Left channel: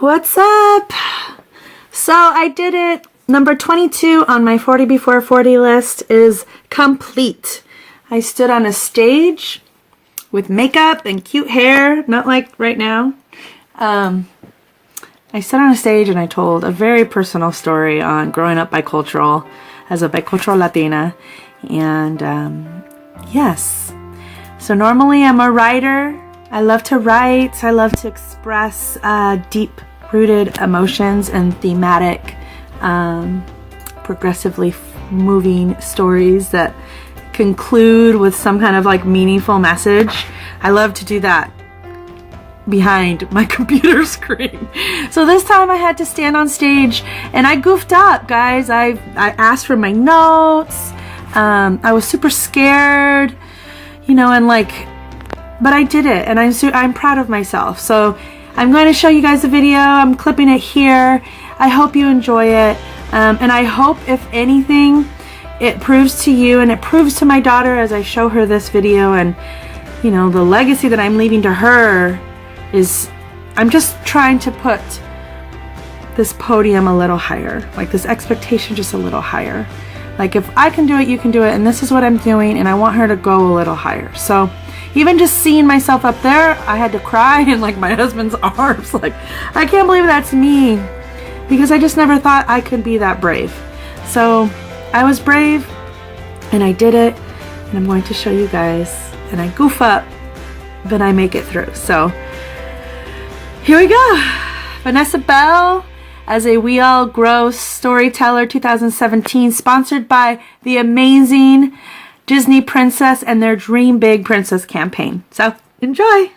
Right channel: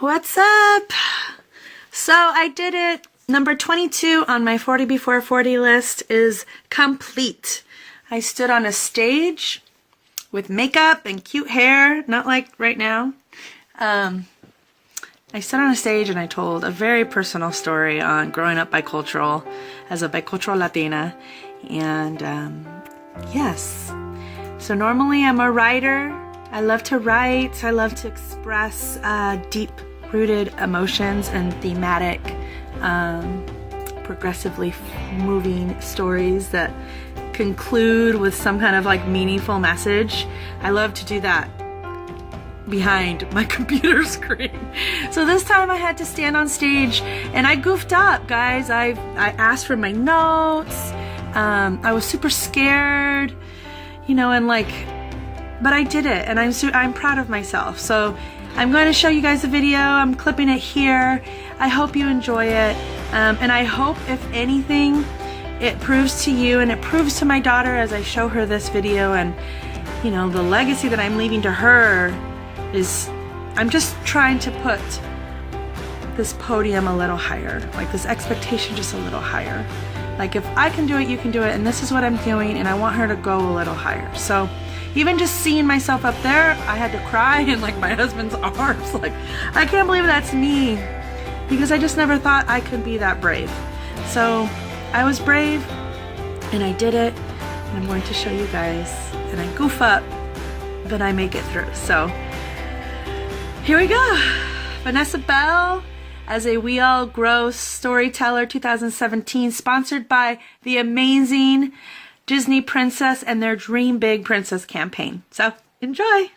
What's up? So I did it. Number 22 on my 40 before 40 list is complete. I stood on a stage with makeup and cute hair, not like right now. I stood on a stage and I told a very personal story on growing up bicultural as a bicultural Latina. And yes, so normally I'm a writer. I love to write. I love to express deep-rooted emotions and thematic, progressively moving stories that conclude with some kind of like meaningful message. I love to do that behind my computer screen. So this time I had to stand on stage and I goofed up, guys. I asked for my notes. I was super scared, you know, and like, but I did it, and I'm proud of myself. So I'm going to show you guys the video. I'm clipping it here. I hope you enjoy it, and I hope, if anything, it proves to you and it proves to my daughter as I show her this video, and you know, the legacy that I'm leaving to her is I'm just trying to put this podium a little higher, like this expectation just a little higher. Like, if I can do it, you can do it, and this is what I'm doing, and I want her to go a little higher. So even just seeing myself up there, I had to cry in like my husband's arms. Like, I can't believe that's me, because I just never thought I could be that brave. So I was brave and I did it, and I'm going to show you guys, and I goof up, but I make it through. So here we go. Vanessa Bell as a We All Grow Storyteller 2017, sponsored by the amazing Disney Princess and their Dream Big Princess campaign. So enjoy.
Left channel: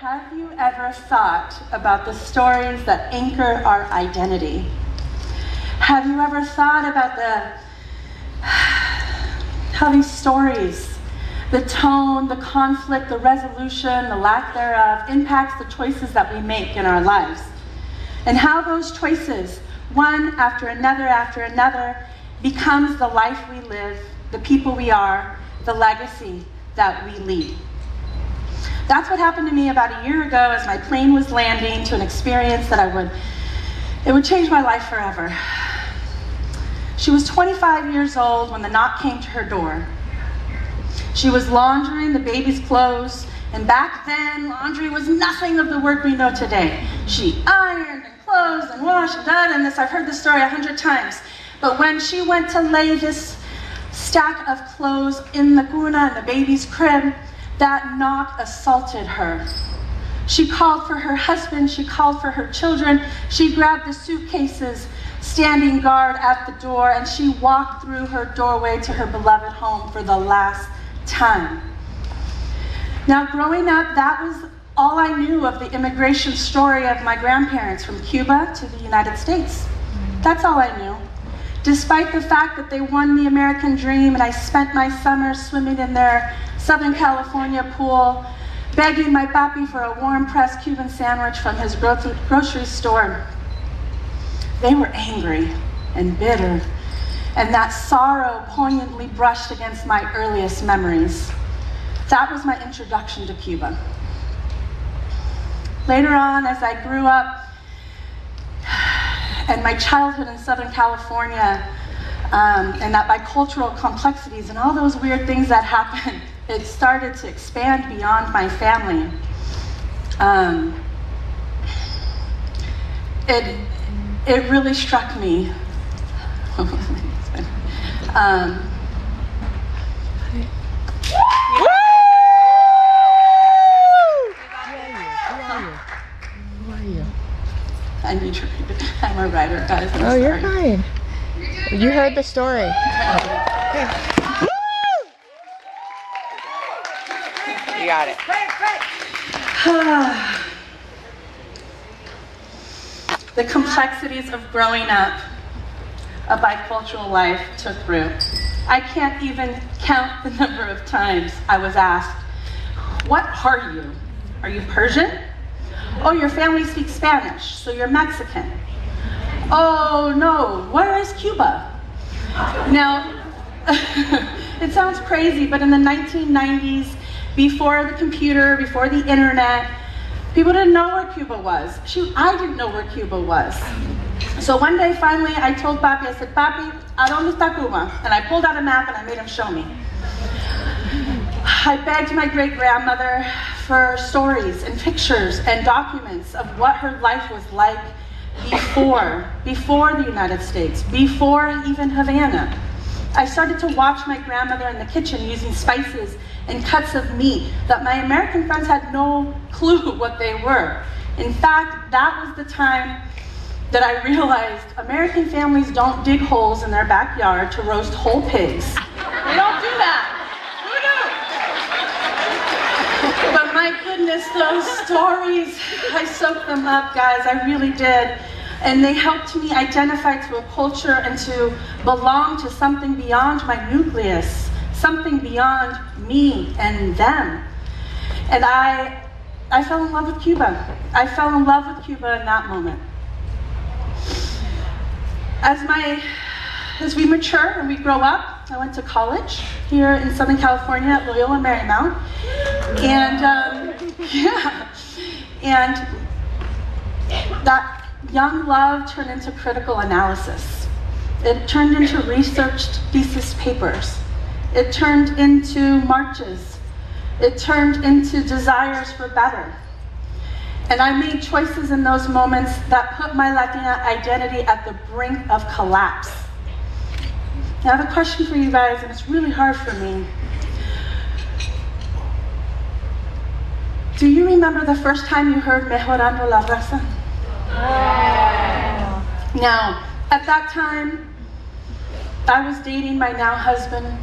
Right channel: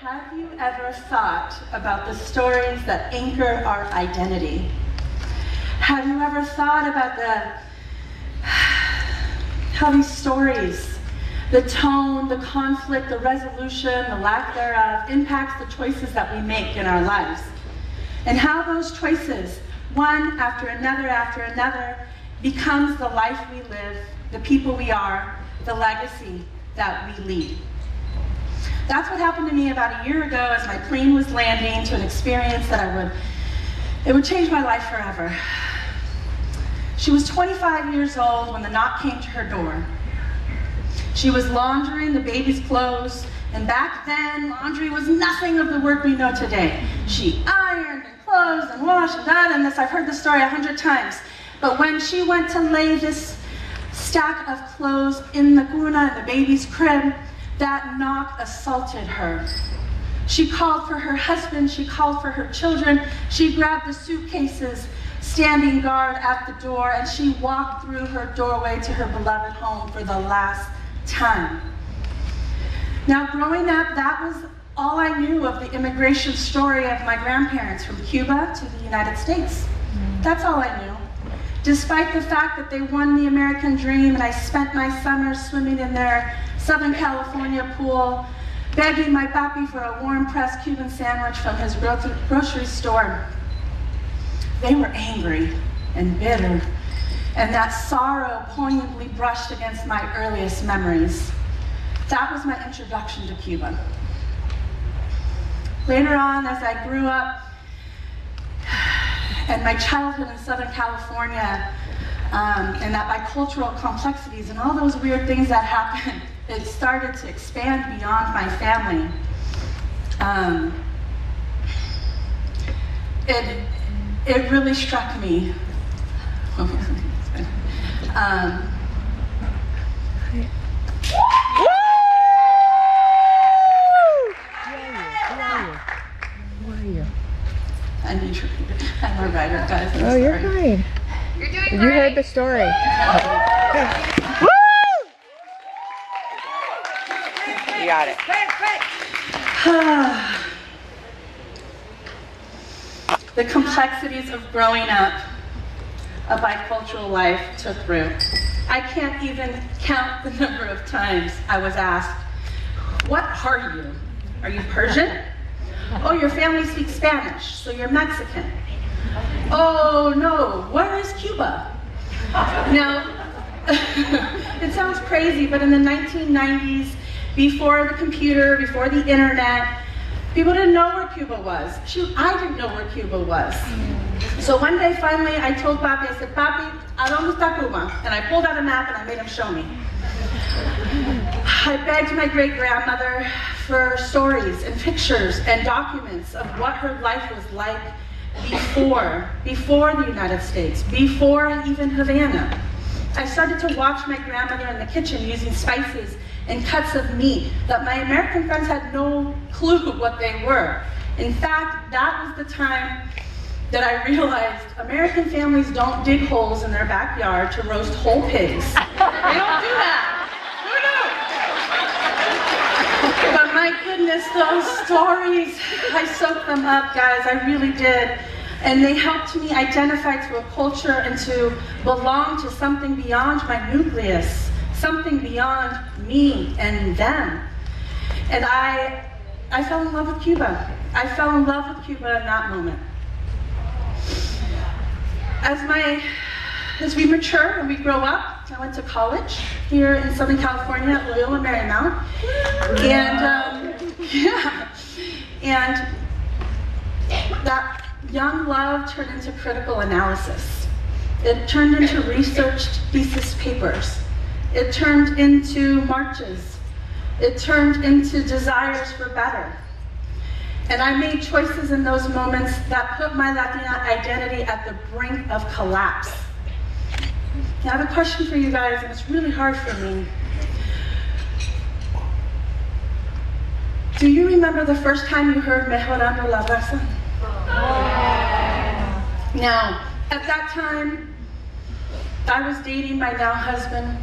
Have you ever thought about the stories that anchor our identity? Have you ever thought about how these stories, the tone, the conflict, the resolution, the lack thereof, impacts the choices that we make in our lives? And how those choices, one after another, becomes the life we live, the people we are, the legacy that we leave. That's what happened to me about a year ago as my plane was landing to an experience that it would change my life forever. She was 25 years old when the knock came to her door. She was laundering the baby's clothes, and back then, laundry was nothing of the work we know today. She ironed and clothed and washed and done, and this, I've heard this story 100 times. But when she went to lay this stack of clothes in the cuna, in the baby's crib, that knock assaulted her. She called for her husband, she called for her children, she grabbed the suitcases standing guard at the door, and she walked through her doorway to her beloved home for the last time. Now, growing up, that was all I knew of the immigration story of my grandparents from Cuba to the United States. That's all I knew. Despite the fact that they won the American dream, and I spent my summers swimming in their Southern California pool, begging my papi for a warm pressed Cuban sandwich from his grocery store. They were angry and bitter, and that sorrow poignantly brushed against my earliest memories. That was my introduction to Cuba. Later on, as I grew up, and my childhood in Southern California, and that bicultural complexities and all those weird things that happened, it started to expand beyond my family. It really struck me. Who are you? I'm a writer, guys. Oh, you're fine. You heard the story. Okay. You got it. the complexities of growing up, a bicultural life took root. I can't even count the number of times I was asked, "What are you? Are you Persian? Oh, your family speaks Spanish, so you're Mexican. Oh no, where is Cuba?" Now, it sounds crazy, but in the 1990s, before the computer, before the internet, people didn't know where Cuba was. Shoot, I didn't know where Cuba was. So one day, finally, I told Papi, I said, "Papi, ¿a dónde está Cuba?" And I pulled out a map and I made him show me. I begged my great-grandmother for stories and pictures and documents of what her life was like before the United States, before even Havana. I started to watch my grandmother in the kitchen using spices and cuts of meat that my American friends had no clue what they were. In fact, that was the time that I realized American families don't dig holes in their backyard to roast whole pigs. We don't do that. We don't. But my goodness, those stories, I soaked them up, guys, I really did. And they helped me identify to a culture and to belong to something beyond my nucleus, something beyond me and them. And I fell in love with Cuba. I fell in love with Cuba in that moment. As we mature and we grow up, I went to college here in Southern California at Loyola Marymount. And that young love turned into critical analysis. It turned into researched thesis papers. It turned into marches. It turned into desires for better. And I made choices in those moments that put my Latina identity at the brink of collapse. Now I have a question for you guys, and it's really hard for me. Do you remember the first time you heard Mejorando la Raza? Now, at that time, I was dating my now husband,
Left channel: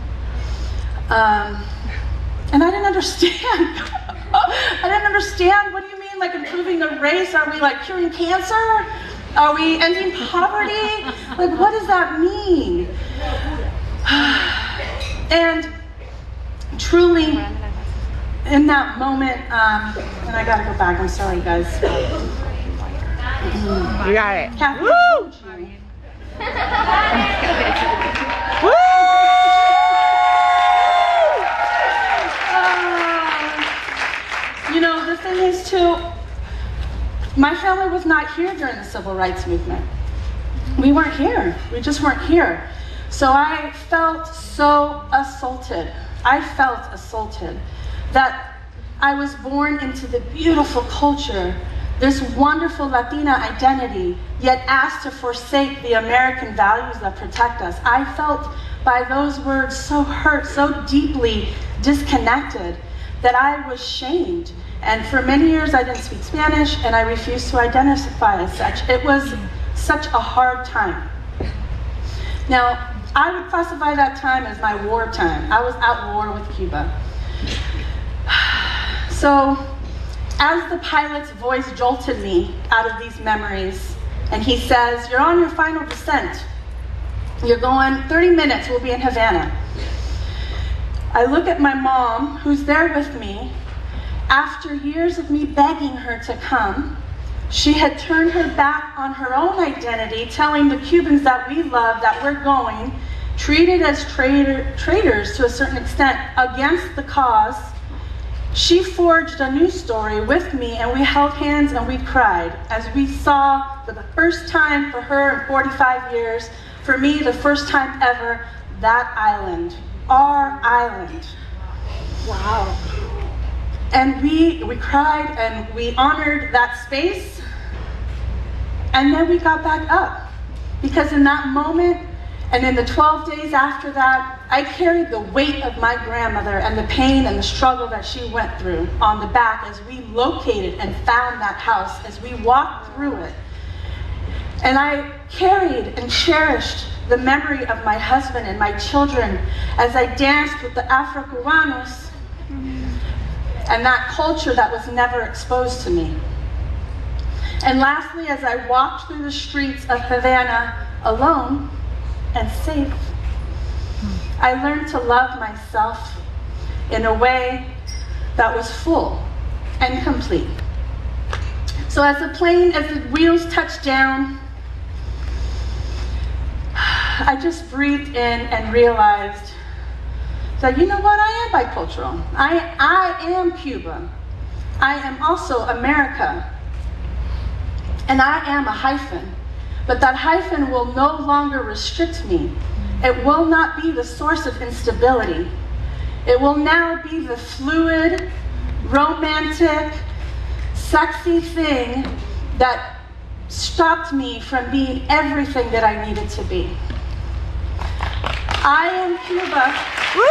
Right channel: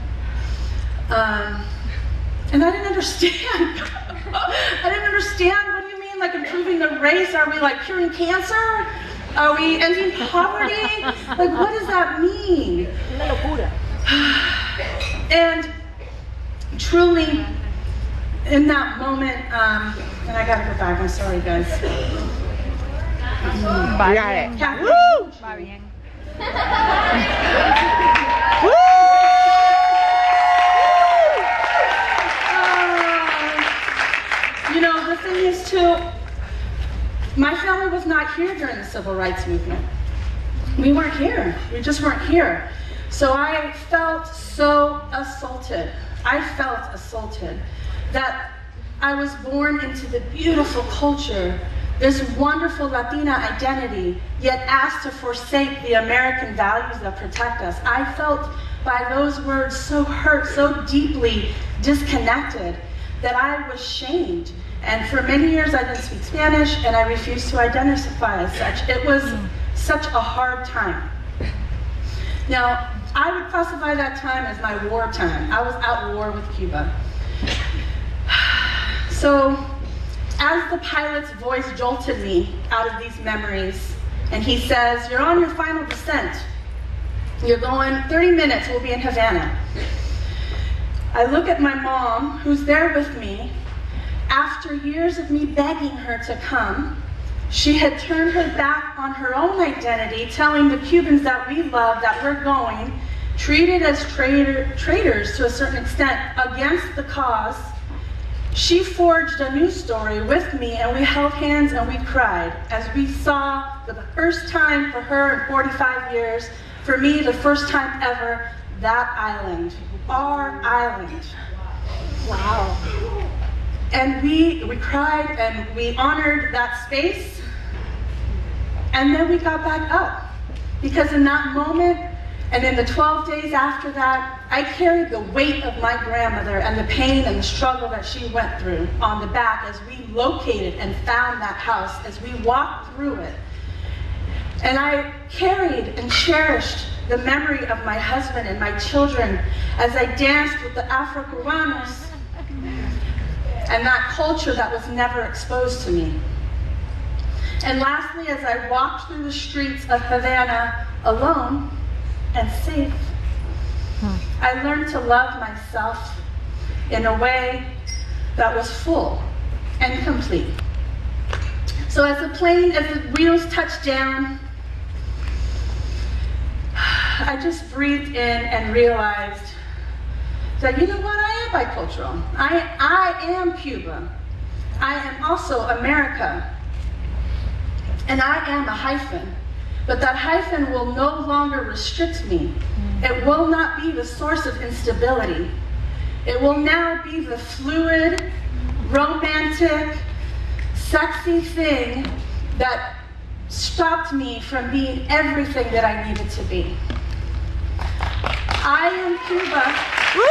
and I didn't understand. I didn't understand. What do you mean, like improving the race? Are we like curing cancer? Are we ending poverty? Like, what does that mean? And truly, in that moment, and I gotta go back. I'm sorry, guys. You got it. Woo! Woo! You know, the thing is too, my family was not here during the Civil Rights Movement. We weren't here. We just weren't here. So I felt so assaulted. I felt assaulted that I was born into the beautiful culture, this wonderful Latina identity, yet asked to forsake the American values that protect us. I felt by those words so hurt, so deeply disconnected, that I was shamed. And for many years I didn't speak Spanish, and I refused to identify as such. It was such a hard time. Now, I would classify that time as my war time. I was at war with Cuba. So, as the pilot's voice jolted me out of these memories, and he says, "You're on your final descent. You're going 30 minutes, we'll be in Havana." I look at my mom, who's there with me. After years of me begging her to come, she had turned her back on her own identity, telling the Cubans that we love that we're going, treated as traitors to a certain extent against the cause. She forged a new story with me, and we held hands and we cried as we saw, for the first time for her in 45 years, for me the first time ever, that island, our island. Wow. And we cried and we honored that space, and then we got back up. Because in that moment, and in the 12 days after that, I carried the weight of my grandmother and the pain and the struggle that she went through on the back as we located and found that house, as we walked through it. And I carried and cherished the memory of my husband and my children as I danced with the Afro-Cubanos and that culture that was never exposed to me. And lastly, as I walked through the streets of Havana alone and safe, I learned to love myself in a way that was full and complete. So as the wheels touched down, I just breathed in and realized that, you know what, I am bicultural. I am Cuba. I am also America. And I am a hyphen. But that hyphen will no longer restrict me. It will not be the source of instability. It will now be the fluid, romantic, sexy thing that stopped me from being everything that I needed to be. I am Cuba. Woo!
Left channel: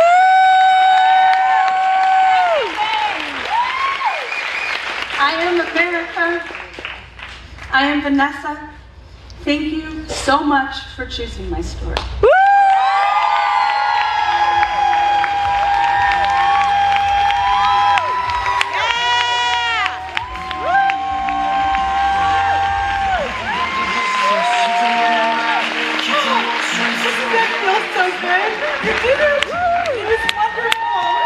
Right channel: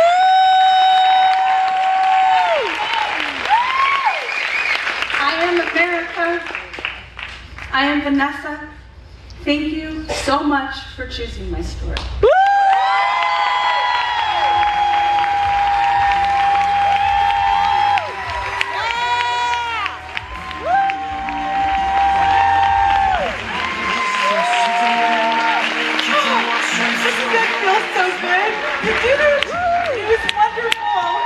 I am America. I am Vanessa. Thank you so much for choosing my story. Woo! That feels so good. You did it. It was wonderful.